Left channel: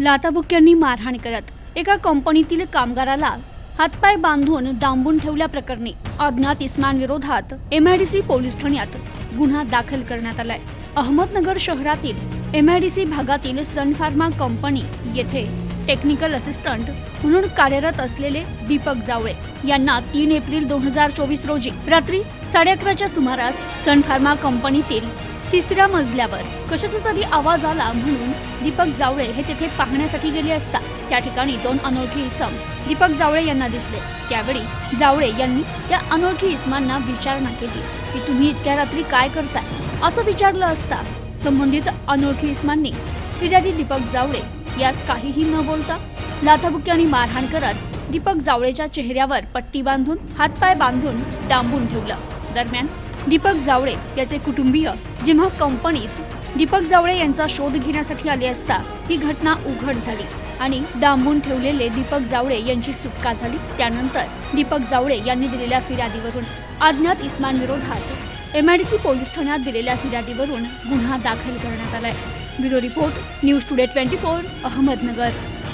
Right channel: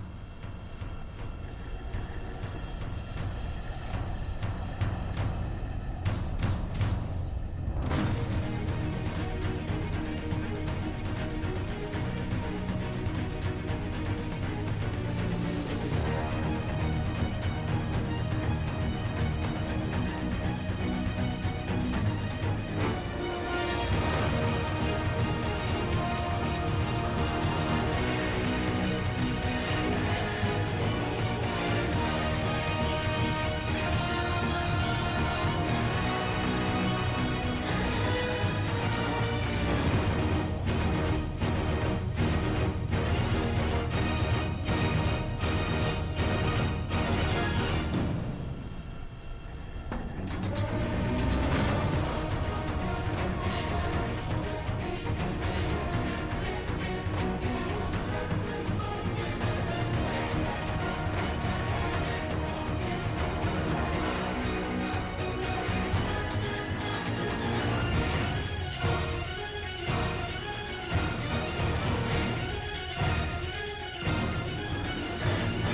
लाथाबुक्क्यांनी मारहाण करत एका कंपनीतील कामगाराला हातपाय बांधून डांबून ठेवल्याप्रकरणी अज्ञात इस्मांविरोधात सी पोलीस ठाण्यात गुन्हा दाखल करण्यात आलाय. अहमदनगर शहरातील एम आय डी सी भागातील सन फार्मा कंपनी येथे टेक्निकल असिस्टंट म्हणून कार्यरत असलेले दीपक जावळे यांना तीन एप्रिल दोन हजार चोवीस रोजी रात्री साडे अकराच्या सुमारास सन फार्मा कंपनीतील तिसऱ्या मजल्यावर. कशाचा तरी आवाज आला म्हणून दीपक जावळे हे तिथे पाहण्यासाठी गेले असता त्या ठिकाणी दोन अनोळखी इसम दीपक जावळे यांना दिसले. त्यावेळी जावळे यांनी त्या अनोळखी इसमांना विचारणा केली. की तुम्ही इतक्या रात्री काय करताय? असं विचारलं असता. संबंधित अनोळखी इसमांनी फिर्यादी दीपक जावळे यास काहीही न बोलता लाथाबुक्क्यांनी मारहाण करत दीपक जावळेच्या चेहऱ्यावर पट्टी बांधून हातपाय बांधून डांबून ठेवलं. दरम्यान दीपक जावळे याचे कुटुंबीय जेव्हा कंपनीत दीपक जावळे यांचा शोध घेण्यासाठी आले असता ही घटना उघड झाली आणि डांबून ठेवलेले दीपक जावळे यांची सुटका झाली. त्यानंतर दीपक जावळे यांनी दिलेल्या फिर्यादीवरून अज्ञात इस्मांविरोधात एमआयडीसी पोलीस ठाण्यात दिलेल्या फिर्यादीवरून गुन्हा दाखल करण्यात आलाय. Bureau report news today twenty four Ahmednagar.